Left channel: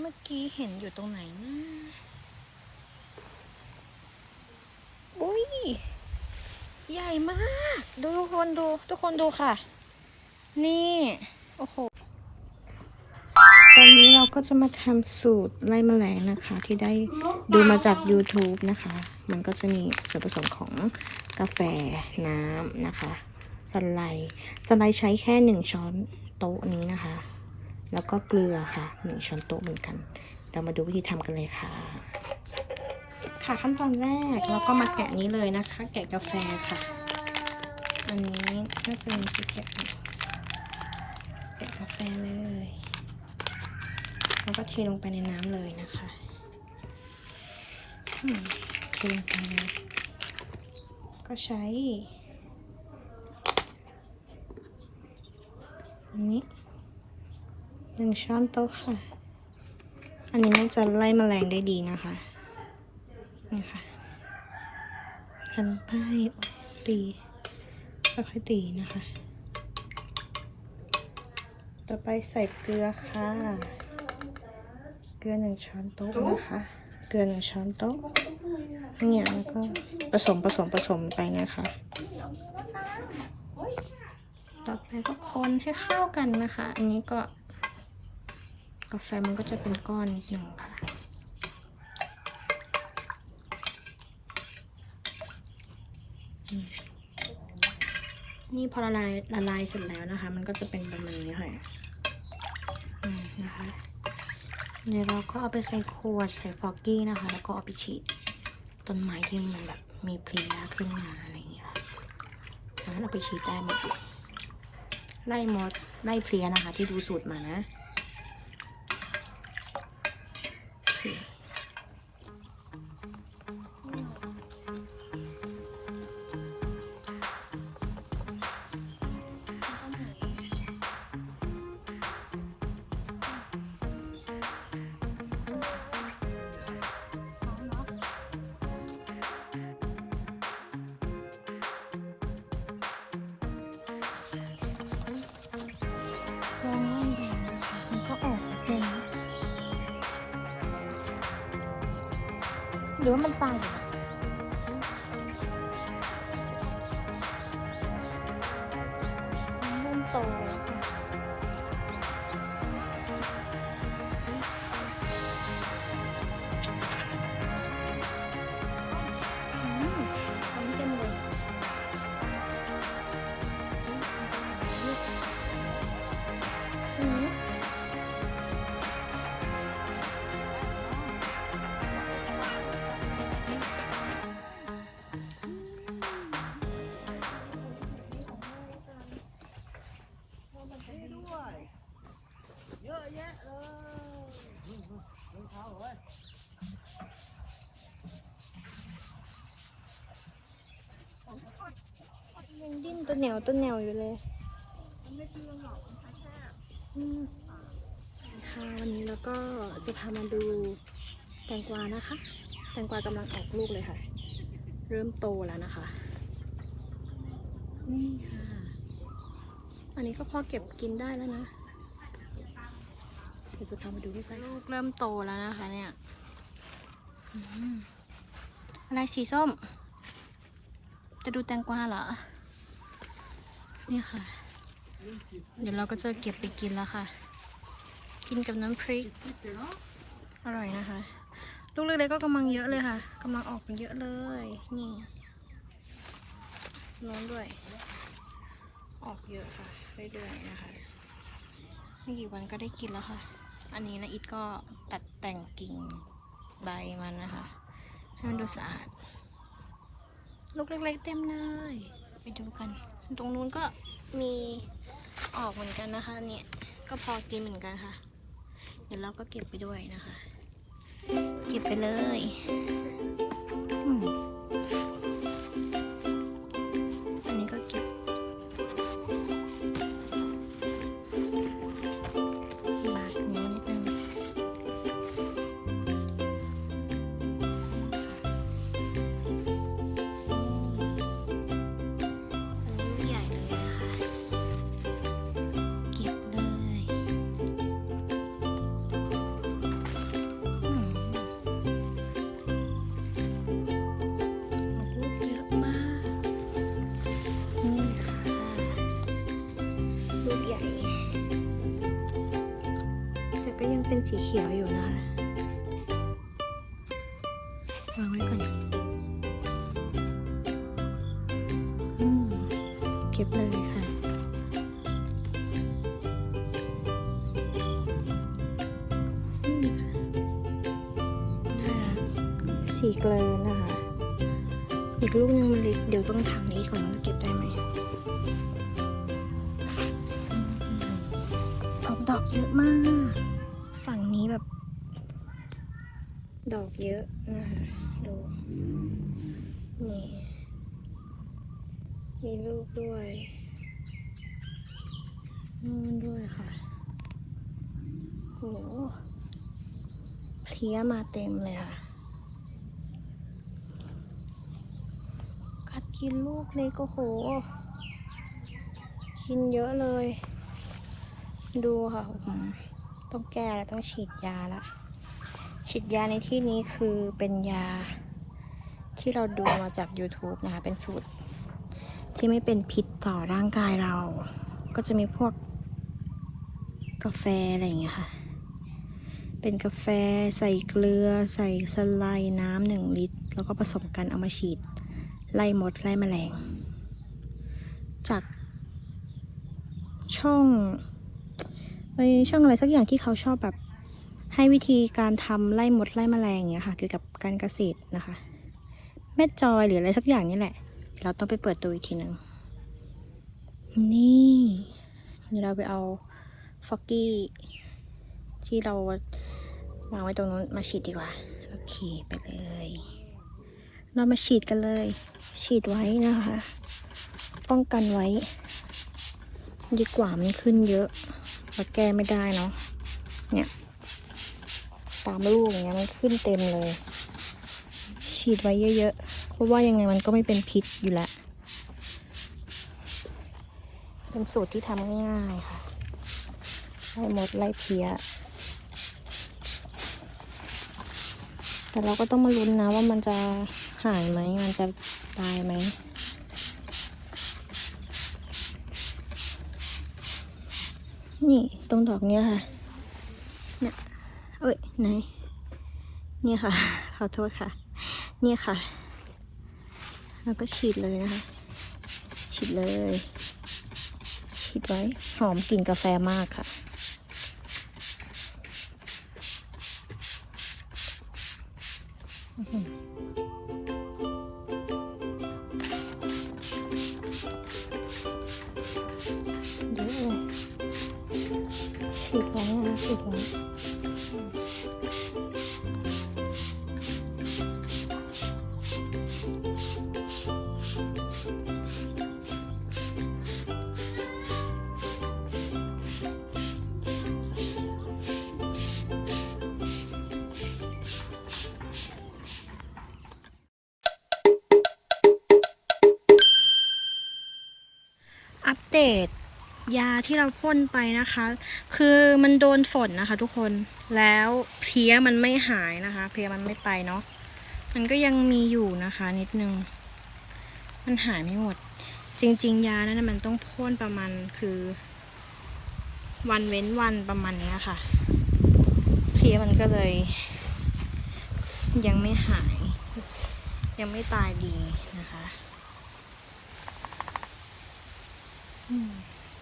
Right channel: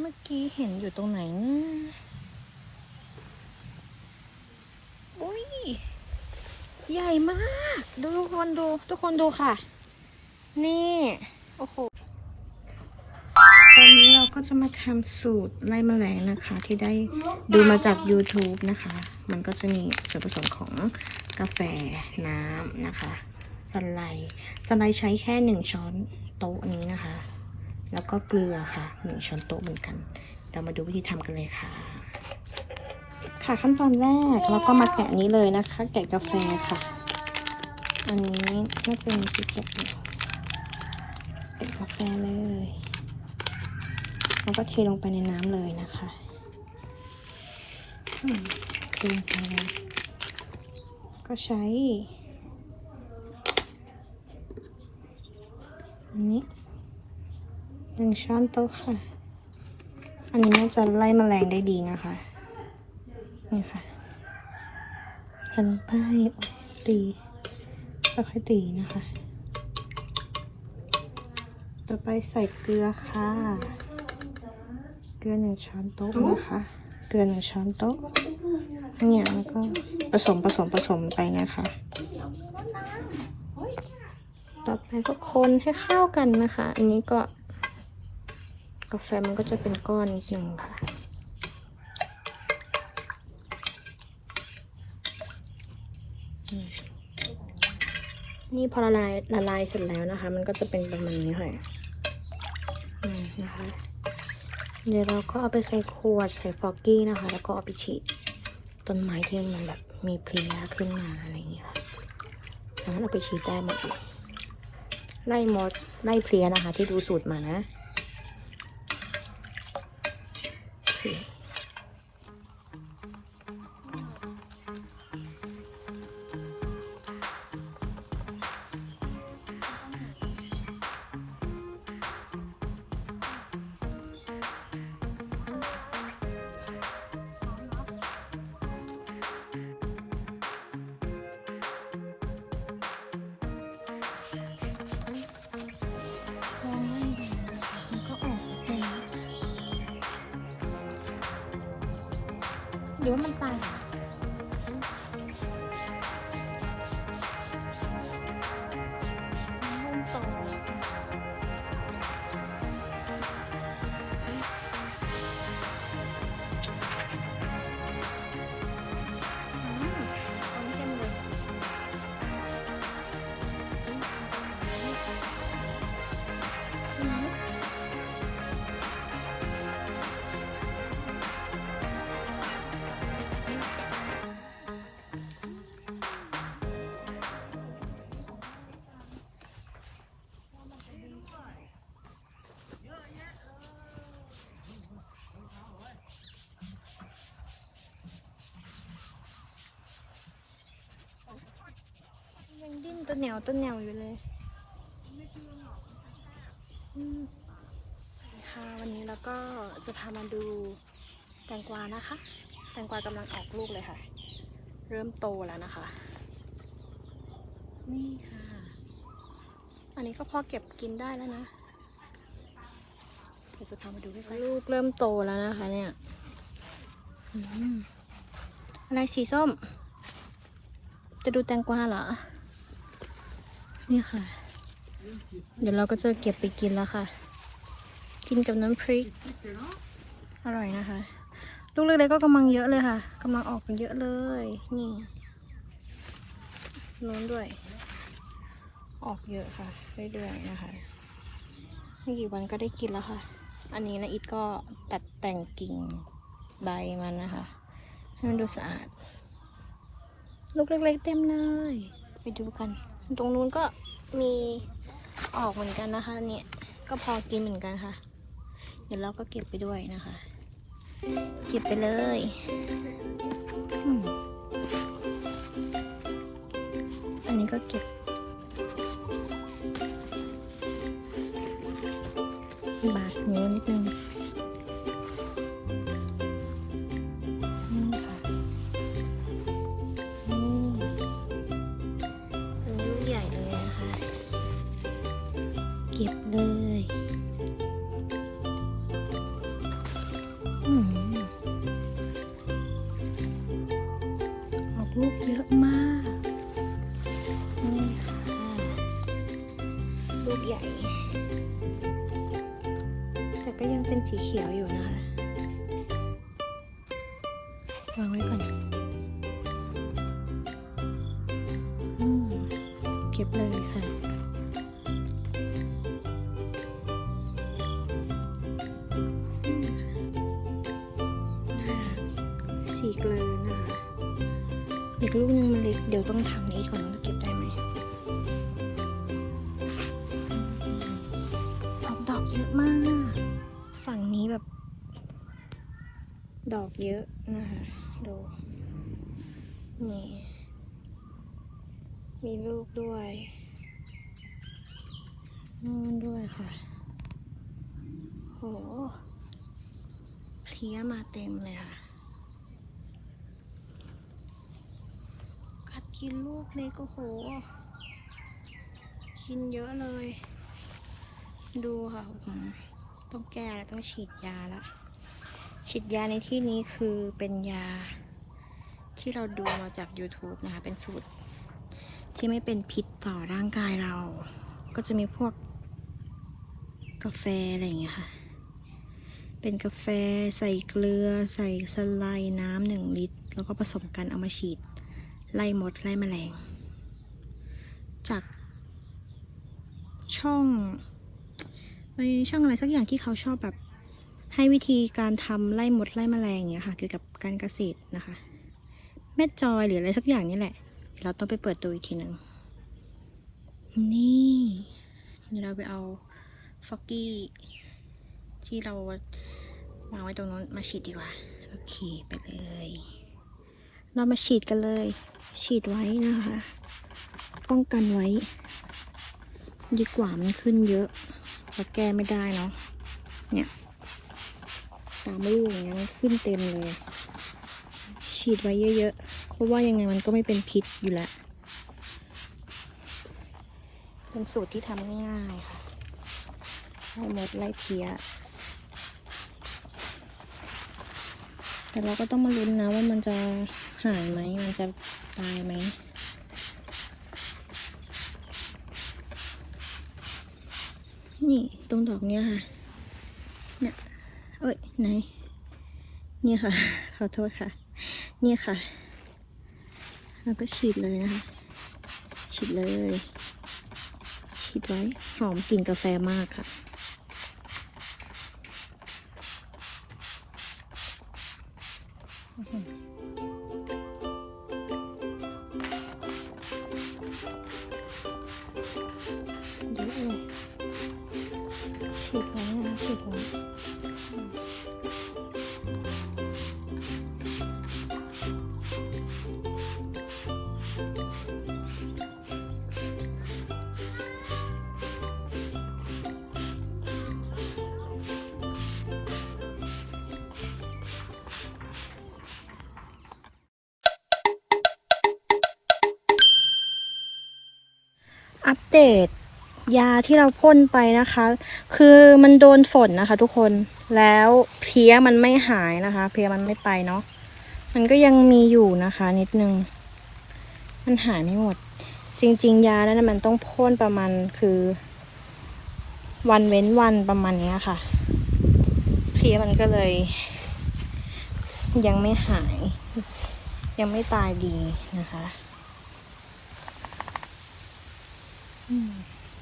เมื่อกี้เห็นอยู่ตรงไหนนะอุ้ยใหญ่มาก ดูทุกคนดู ทุกคนดูค่ะ นี่ โอ้โห ตอนนี้เราก็จะมาทำสูตรไล่แมลงนะคะ ที่ได้ดูมาจาก YouTube นะคะ มันก็จะมีส่วนผสมของกาแฟน้ำนะคะสไลด์สไลด์ใช้แค่หนึ่งช้อนโต๊ะนี้นะคะ แล้วก็เกลือค่ะหนึ่งช้อนโต๊ะเหมือนกัน เรามาดูวิธีทำกันเลยค่ะ ค่ะขั้นตอนแรกเราก็มาแกะนี้เลยนะคะ แกะกาแฟค่ะ อันนี้น่าจะมีที่แกะแกะกาแฟเลยแล้วก็เทลงไปในน้ำเลยนะคะเทลงไปเลยก็ใช้ อันนี้ หนึ่งช้อนโต๊ะค่ะ อันนี้น่าจะไล่แมลงได้ดีนะคะ นี่ค่ะทันป้ายตีค่อยตีนะคะ ต่อไปใส่เกลือค่ะ เกลือหนึ่งช้อนโต๊ะนะคะ เกลือหนึ่งช้อนโต๊ะเนี่ยแล้วก็ผสมผสมผสมไปนะคะ ต่อไปก็คนให้เข้ากันนะคะ อันนี้ก็ กาแฟมันก็จะเป็นก้อนนิดหนึ่งค่ะ นี่พอละลายละลายเสร็จแล้วนะคะ มันก็จะเป็นประมาณนี้ค่ะนะคะ เดี๋ยวเราก็เอาไปใส่ขวดใส่ฟอกกี้นะคะ แล้วก็เอาไปฉีดต้นไม้ที่มันแบบมีเพลียขึ้นมาอะไรอย่างเงี้ยค่ะดังนั้นเอาไปฉีดได้หมดเลยไล่มดไล่เพลียนะคะ ที่ดูสูตรมานะ หรือมันตาย ยังดิ้นตัวเหนียวตัวเหนียวอยู่เลยอืมค่ะวันนี้เราก็จะพามาดูแตงกวานะคะ แตงกวากำลังออกลูกเลยค่ะ เริ่มโตแล้วนะคะนี่ค่ะอันนี้ก็พอเก็บกินได้แล้วนะเดี๋ยวจะพามาดูด้วยกันลูกเริ่มโตแล้วนะคะเนี่ยอืมอะไรสีส้ม จะดูแตงกวาเหรอ นี่ค่ะ เดี๋ยวเราก็จะเก็บไปกินแล้วค่ะ กินกับน้ำพริก อร่อยนะคะ ลูกเล็กๆก็กำลังเยอะเลยค่ะกำลังออกกันเยอะเลย นี่โน้นด้วย ออกเยอะค่ะ เรื่อยๆนะคะ ไม่กี่วันก็ได้กินแล้วค่ะ อันนี้นะอิดก็ตัดแต่งกิ่งใบมันนะคะ ให้มันดูสะอาด ลูกเล็กๆเต็มเลย ไปดูกัน ตรงนู้นก็มีออกเหมือนกันนะคะ เนี่ยก็พอกินเหมือนกันค่ะ เดี๋ยวเราก็เก็บไปด้วยนะคะ เก็บไปเลย เป็นสีเขียวอยู่นะคะวางไว้ก่อนอืมเก็บเลยค่ะสีเกลือนะคะ อีกลูกนึงมันเล็กเดี๋ยวต้องทางนี้ก่อนว่าจะเก็บได้ไหมอืมออกดอกเยอะมาก ดอกเยอะนะคะดูนี่มีลูกด้วยนู่นด้วยค่ะโหเพลี้ยมาเต็มเลยค่ะ กัดกินลูกเล็กก็โห กินเยอะเลย ดูค่ะ ต้องแก้แล้วต้องฉีดยาและ ฉีดยาในที่นี้คือเป็นยาที่เราดูมาจาก YouTube นะคะ เป็นสูตร ที่ไม่เป็นพิษต่อร่างกายเรา ก็จะมีพวกกาแฟอะไรอย่างเงี้ยค่ะ เป็นกาแฟใส่เกลือ ใส่สไลด์น้ำหนึ่งลิตร แล้วก็ผสมกันเอามาฉีด ไล่มด ไล่แมลง จากช่องในช่องอะไรสักอย่างที่เขาชอบแบบ ให้วิธีการทำไล่มดไล่แมลงอย่างเงี้ยค่ะ เกี่ยวกับการเกษตรนะคะแม่จอยหรืออะไรสักอย่างนี่แหละ เราต้องไปเปิดดูอีกทีหนึ่งนี่เดี๋ยวเราไปเอาฟอกกี้ที่เราวางไว้ตรงนู้นมาฉีดดีกว่าโอเคไปเลยเรามาฉีดกันเลย ฉีดไว้นะคะ ป้องกันไว้ดีกว่ามันขึ้นเยอะเราแก้ไม่ได้เนาะเนี่ย ตามลูกอย่างเงี้ยมันขึ้นเต็มเลย ฉีดไว้เยอะๆ เพราะว่ายังไงมันก็ไม่เป็นพิษอยู่แล้ว เป็นสูตรที่ทำง่ายๆค่ะไล่มดไล่เพี้ย แต่เราก็ต้องมาลุ้นนะว่ามันจะหายไหม มันจะตายไหมนี่ ตรงดอกเนี้ยค่ะ เนี่ย เอ้ยไหนนี่ค่ะ ขอโทษค่ะ นี่ค่ะ แล้วก็ฉีดเลยนะคะ ฉีดเลย ฉีดไว้ หอมกลิ่นกาแฟมากค่ะเยอะเลยฉีดไว้นะฉีดไว้ อัปเดต ยาที่เราพ่นไปนะคะ คือมันโดนฝนนะคะ ทุกคนแล้วเพี้ยมันไม่หายนะคะ เพี้ยมันไม่ไปเนาะมันก็ยังมีอยู่นะคะ นิดนึง มันหายไม่หมด จริง ๆ ยานั้นมันต้องพ่นประมาณคือ วันเว้นวันประมาณนี้ค่ะ เพี้ยมันก็เลย ยังไม่หาย ยังไม่ตายดีนะคะ อืม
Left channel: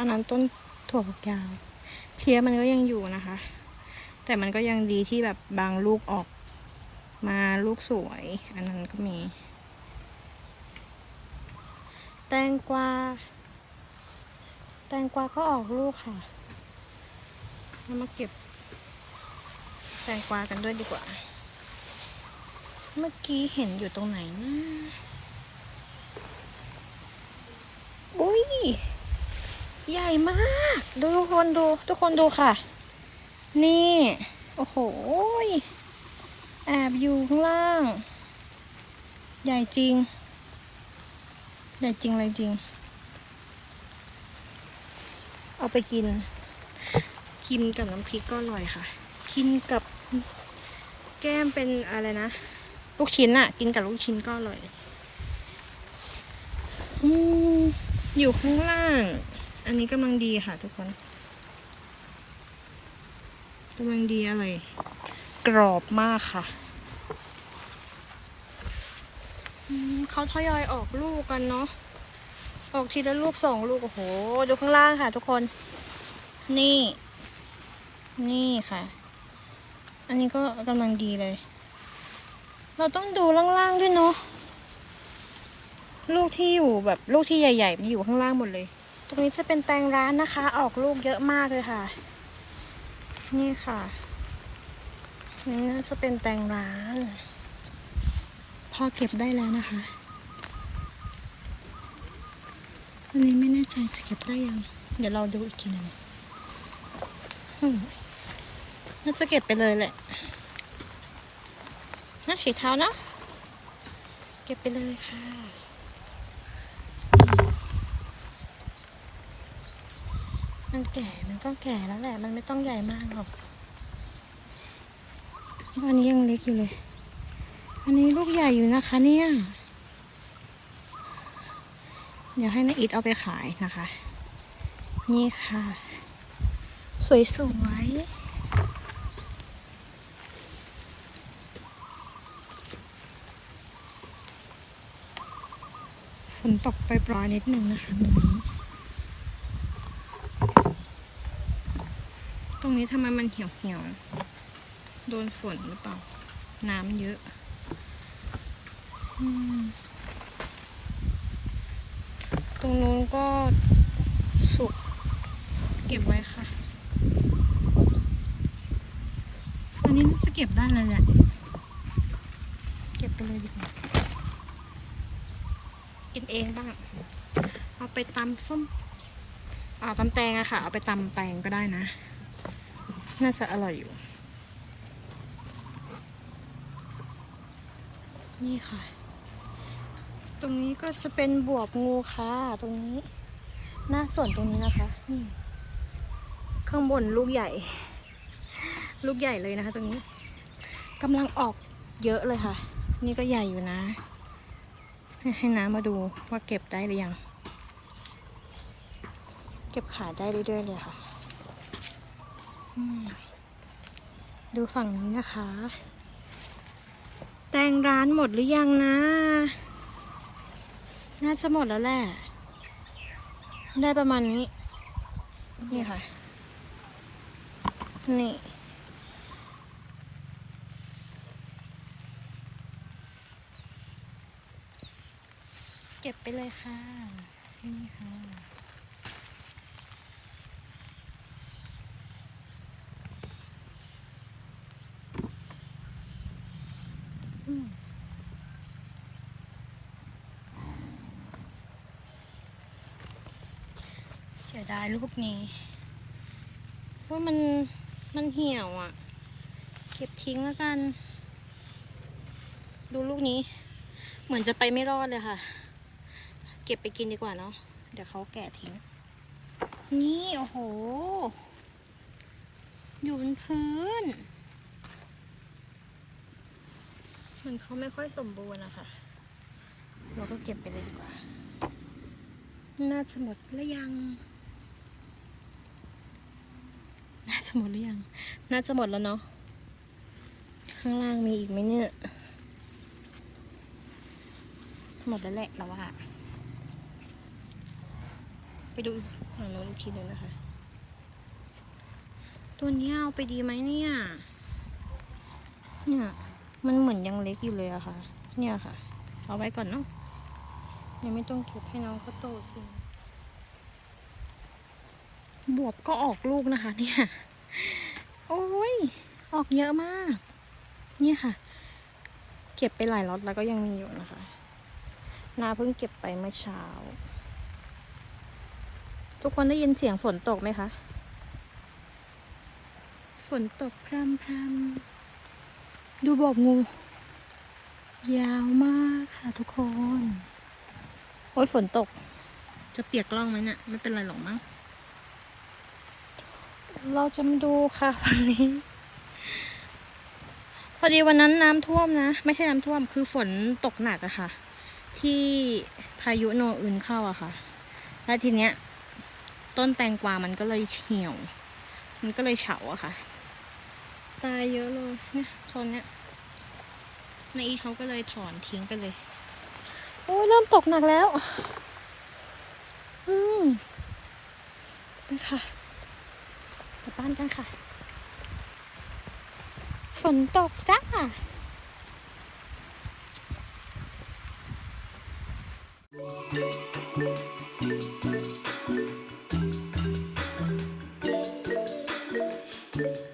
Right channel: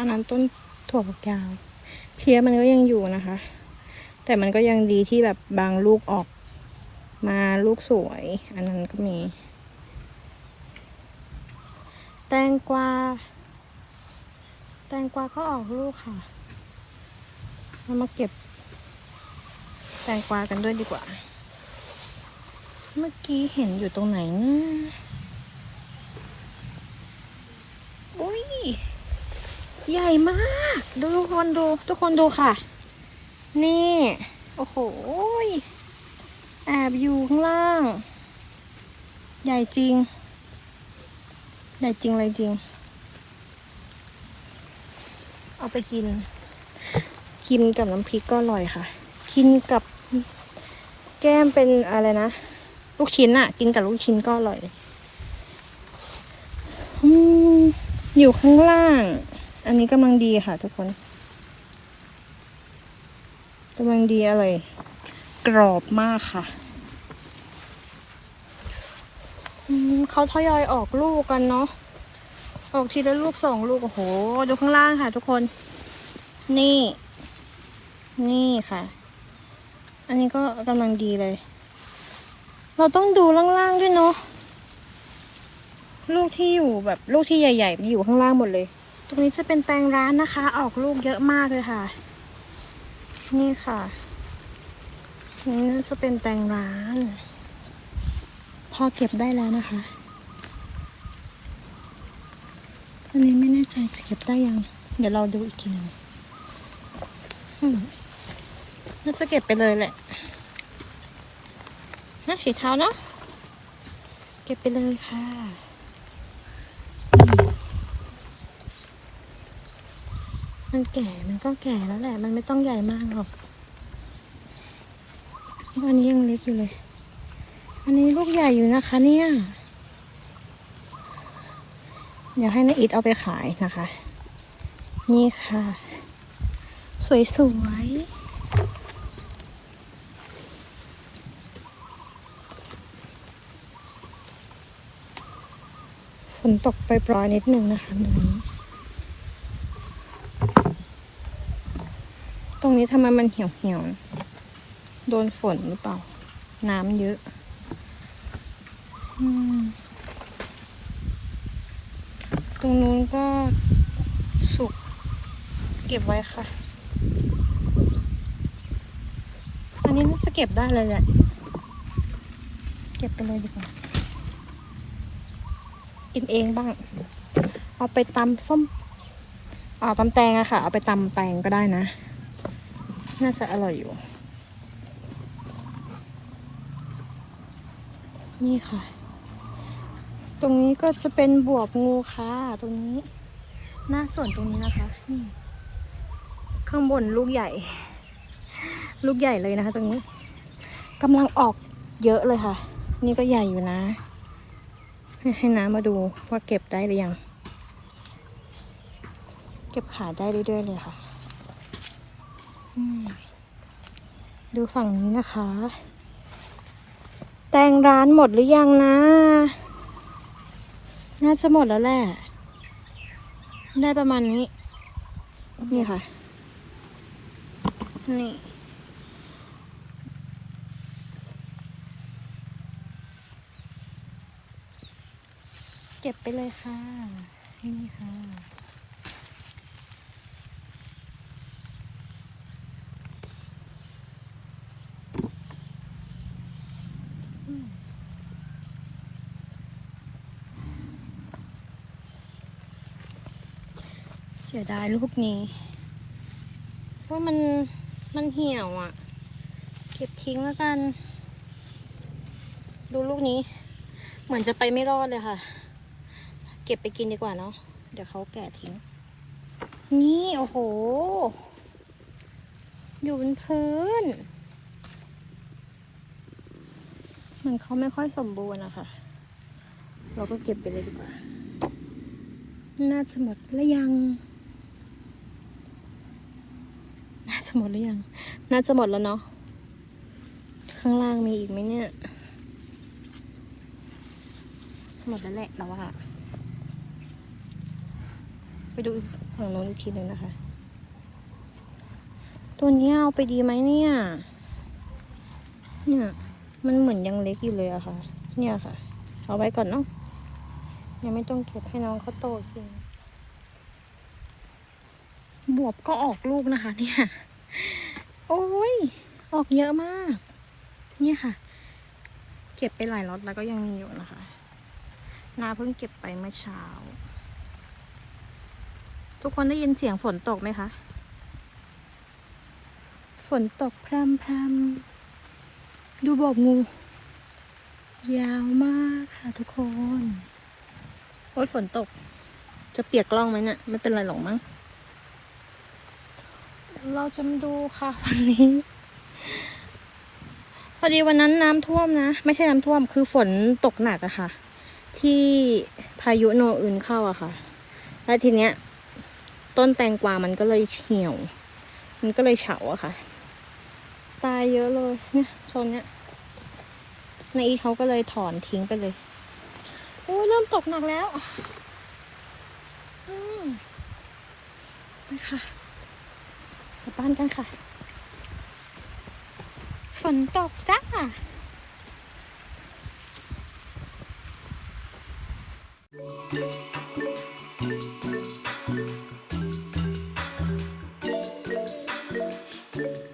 อันนั้นต้นถั่วฝักยาว เพี้ยมันก็ยังอยู่นะคะ แต่มันก็ยังดีที่แบบบางลูกออกมาลูกสวย อันนั้นก็มี แตงกวา แตงกวาก็ออกลูกค่ะเรามาเก็บ แตงกวากันด้วยดีกว่า เมื่อกี้เห็นอยู่ตรงไหนนะอุ้ย ใหญ่มาก ดูทุกคนดู ทุกคนดูค่ะ นี่ โอ้โหแอบอยู่ข้างล่าง ใหญ่จริง ใหญ่จริงเลยจริง เอาไปกิน กินกับน้ำพริกก็อร่อยค่ะ กินกับแก้มเป็นอะไรนะ ลูกชิ้นอะกินกับลูกชิ้นก็อร่อยอยู่ข้างล่าง อันนี้กำลังดีค่ะทุกคนกำลังดีอร่อยกรอบมากค่ะเขาทยอยออกลูกกันเนาะออกทีละลูกสองลูกโอ้โหดูข้างล่างค่ะ ทุกคน นี่ นี่ค่ะ อันนี้ก็กำลังดีเลย เราต้องดูล่างๆด้วยเนาะลูกที่อยู่แบบลูกที่ใหญ่ๆอยู่ข้างล่างหมดเลย ตรงนี้จะเป็นแตงร้านนะคะ ออกลูกเยอะมากเลยค่ะ นี่ค่ะนี่น่าจะเป็นแตงร้าน พอเก็บได้แล้วนะคะอันนี้ไม่แน่ใจจะเก็บได้ยัง เดี๋ยวเราดูอีกทีหนึ่งน่าจะเก็บไปเลยแหละน่าฉีเท้าเนาะเก็บไปเลยค่ะ มันแก่มันก็แก่แล้วแหละ มันไม่ต้องใหญ่มากหรอกอันนี้ยังเล็กอยู่เลย อันนี้ลูกใหญ่อยู่นะคะ เนี่ย เดี๋ยวให้นาอิดเอาไปขายนะคะ นี่ค่ะ สวยๆฝนตกไปปลอยนิดนึงนะคะ รงนี้ตรงนี้ทำไมมันเหี่ยวเหี่ยวโดนฝนหรือเปล่า น้ำเยอะอตรงนู้นก็สุก เก็บไว้ค่ะ อันนี้น่าจะเก็บได้เลยแหละเก็บไปเลยดีกว่ากินเองบ้าง เอาไปตำส้มเอาตำแตงอะค่ะ เอาไปตำแตงก็ได้นะ น่าจะอร่อยอยู่ นี่ค่ะ ตรงนี้ก็จะเป็นบวบงูค่ะตรงนี้ หน้าส่วนตรงนี้นะคะนี่ข้างบนลูกใหญ่ ลูกใหญ่เลยนะคะ ตรงนี้กำลังออกเยอะเลยค่ะ นี่ก็ใหญ่อยู่นะ ให้ให้น้ามาดูว่าเก็บได้หรือยัง เก็บขายได้เรื่อยๆเลยค่ะ ดูฝั่งนี้นะคะ แตงร้านหมดหรือยังนะ น่าจะหมดแล้วแหละ ได้ประมาณนี้ นี่ค่ะ นี่เก็บไปเลยค่ะ นี่ค่ะ สียดายลูกนี้ เพราะมันมันเหี่ยวอะ เก็บทิ้งแล้วกัน ดูลูกนี้ เหมือนจะไปไม่รอดเลยค่ะ เก็บไปกินดีกว่าเนาะเดี๋ยวเขาแก่ทิ้ง นี่โอ้โห อยู่บนพื้นมือนเขาไม่ค่อยสมบูรณ์อะค่ะ เราก็เก็บไปเลยดีกว่า น่าจะหมดแล้วยัง น่าจะหมดหรือยัง น่าจะหมดแล้วเนาะ ข้างล่างมีอีกไหมเนี่ย หมดแล้วแหละเราว่า ไปดูฝั่งโน้นอีกทีหนึงนะคะ ตัวนี้เอาไปดีไหมเนี่ย เนี่ย มันเหมือนยังเล็กอยู่เลยอะค่ะ เนี่ยค่ะ เอาไว้ก่อนเนาะ ยังไม่ต้องเก็บให้น้องเขาโตสิ บวบก็ออกลูกนะคะ เนี่ย โอ้ย ออกเยอะมาก เนี่ยค่ะ เก็บไปหลายล็อตแล้วก็ยังมีอยู่นะคะ นาเพิ่งเก็บไปเมื่อเช้า ทุกคนได้ยินเสียงฝนตกไหมคะ ฝนตกพรำพรำดูบอกงู ยาวมากค่ะทุกคน โอ้ยฝนตก จะเปียกกล้องไหมเนี่ยไม่เป็นไรหรอกมั้ง เราจะมาดูค่ะฝั่งนี้ พอดีวันนั้นน้ำท่วมนะ ไม่ใช่น้ำท่วมคือฝนตกหนักอะค่ะ ที่พายุโนอื่นเข้าอะค่ะ แล้วทีเนี้ย ต้นแตงกวามันก็เลยเหี่ยว มันก็เลยเฉาอะค่ะ ตายเยอะเลยเนี่ยโซนเนี้ยนายอีเขาก็เลยถอนทิ้งไปเลยโอ้ยเริ่มตกหนักแล้ว อืมไปค่ะ ลับ้านกันค่ะ ฝนตกจ้าうん。